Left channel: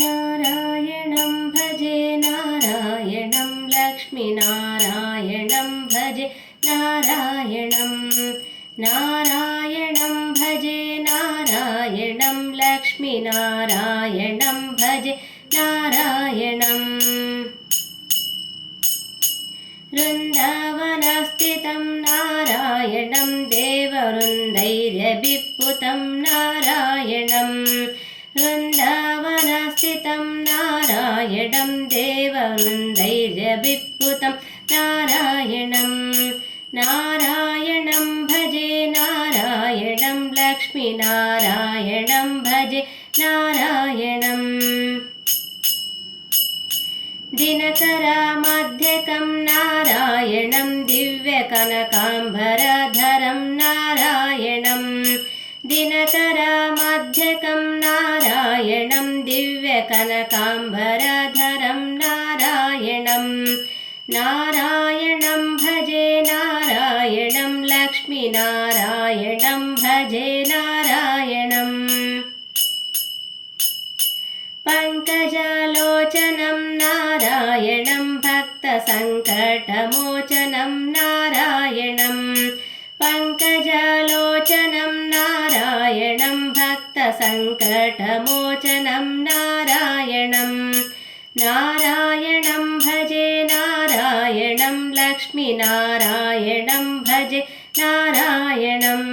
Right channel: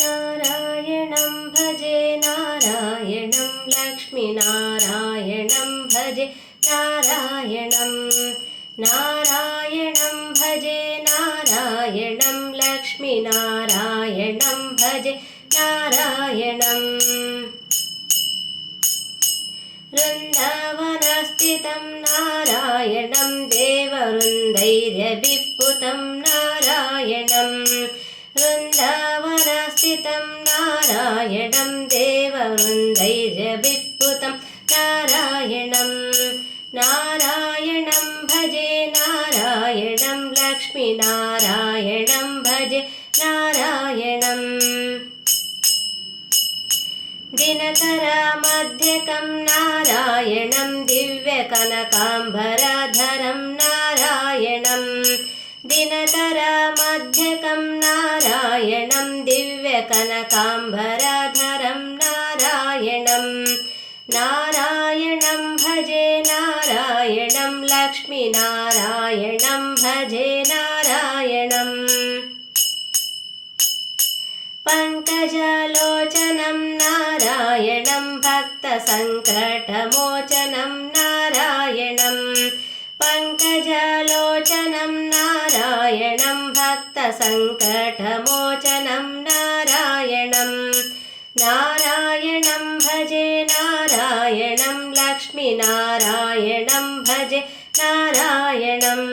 नारायणं भजे नारायणं लक्ष्मीनारायणं भजे नारायणं नारायणं भजे नारायणं लक्ष्मीनारायणं भजे नारायणम् वृन्दावनस्थितं नारायणं देववृन्दैरभिपूतं नारायणं वृन्दावनस्थितं नारायणं देववृन्दैरभिपूतं नारायणं नारायणं भजे नारायणं लक्ष्मीनारायणं भजे नारायणम् दिनकरमध्यकं नारायणं दिव्यकनकाम्बरधरं नारायणं दिनकरमध्यकं नारायणं दिव्यकनकाम्बरधरं नारायणं नारायणं भजे नारायणं लक्ष्मीनारायणं भजे नारायणम् पङ्कजलोचनं नारायणं भक्तसङ्कटमोचनं नारायणं पङ्कजलोचनं नारायणं भक्तसङ्कटमोचनं नारायणं नारायणं भजे नारायणं लक्ष्मीनारायणं भजे नारायणम्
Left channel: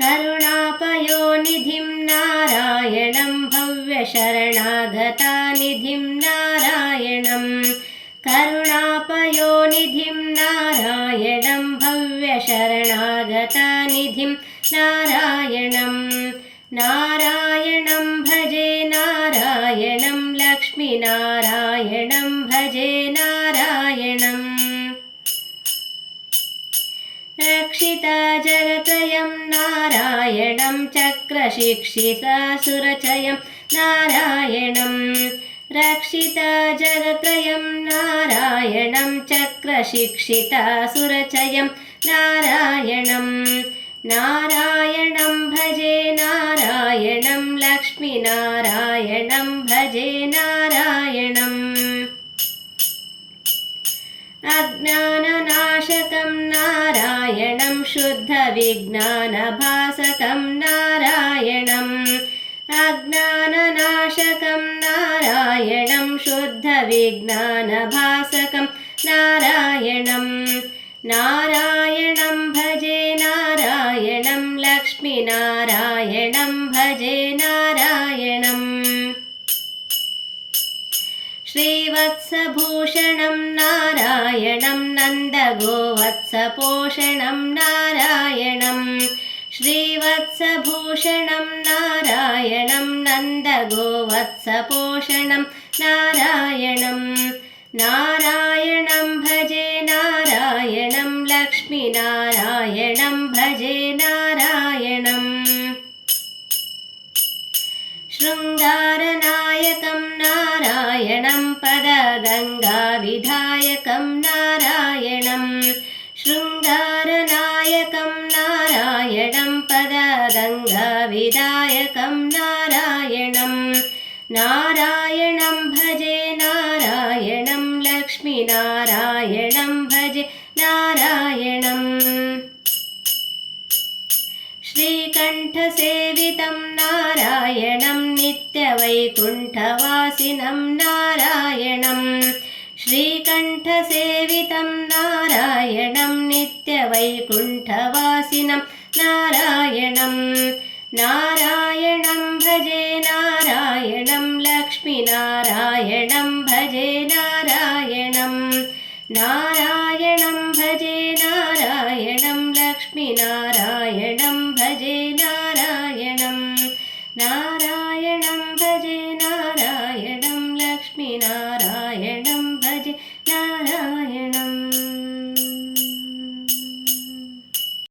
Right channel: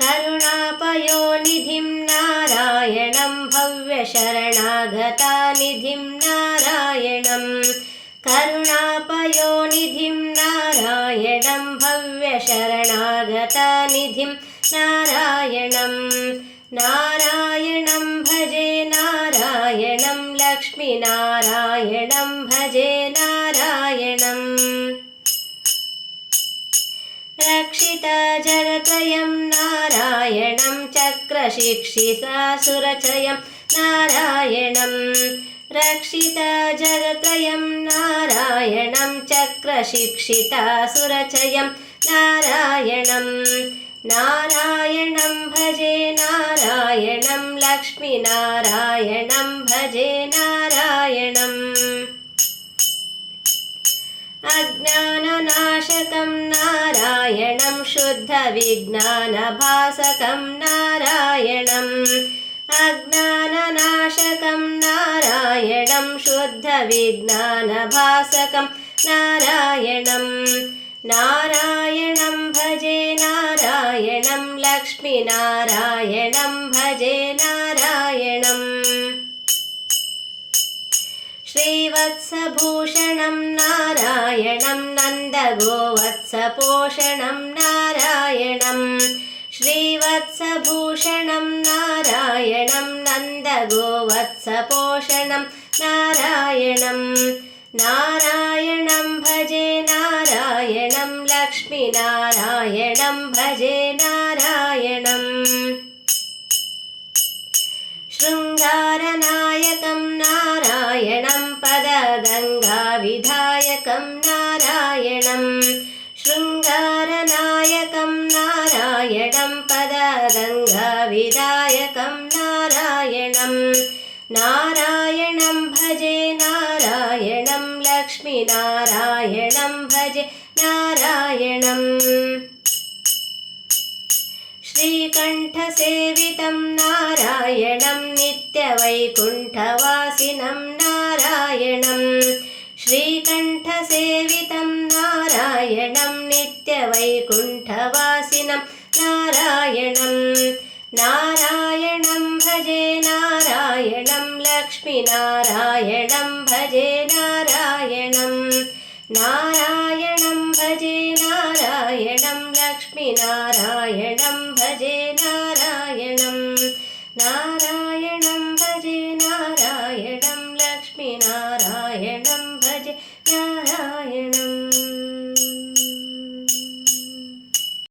करुणापयोनिधिं नारायणं भव्यशरणागतानिधिं नारायणं करुणापयोनिधिं नारायणं भव्यशरणागतानिधिं नारायणं नारायणं भजे नारायणं लक्ष्मीनारायणं भजे नारायणम् रक्षितजगत्रयं नारायणं चक्रशिक्षितासुरचयं नारायणं रक्षितजगत्रयं नारायणं चक्रशिक्षितासुरचयं नारायणं नारायणं भजे नारायणं लक्ष्मीनारायणं भजे नारायणम् अज्ञाननाशकं नारायणं शुद्धविज्ञानभासकं नारायणं अज्ञाननाशकं नारायणं शुद्धविज्ञानभासकं नारायणं नारायणं भजे नारायणं लक्ष्मीनारायणं भजे नारायणम् श्रीवत्सभूषणं नारायणं नन्दगोवत्सपोषणं नारायणं श्रीवत्सभूषणं नारायणं नन्दगोवत्सपोषणं नारायणं नारायणं भजे नारायणं लक्ष्मीनारायणं भजे नारायणम् शृङ्गारनायकं नारायणं पदगङ्गाविधायकं नारायणं शृङ्गारनायकं नारायणं पदगङ्गाविधायकं नारायणं नारायणं भजे नारायणं लक्ष्मीनारायणं भजे नारायणम् श्रीकण्ठसेवितं नारायणं नित्यवैकुण्ठवासिनं नारायणं श्रीकण्ठसेवितं नारायणं नित्यवैकुण्ठवासिनं नारायणं नारायणं भजे नारायणं लक्ष्मीनारायणं भजे नारायणं नारायणं भजे नारायणं लक्ष्मीनारायणं भजे नारायणं नारायणं भजे नारायणं लक्ष्मीनारायणं भजे नारायणम्।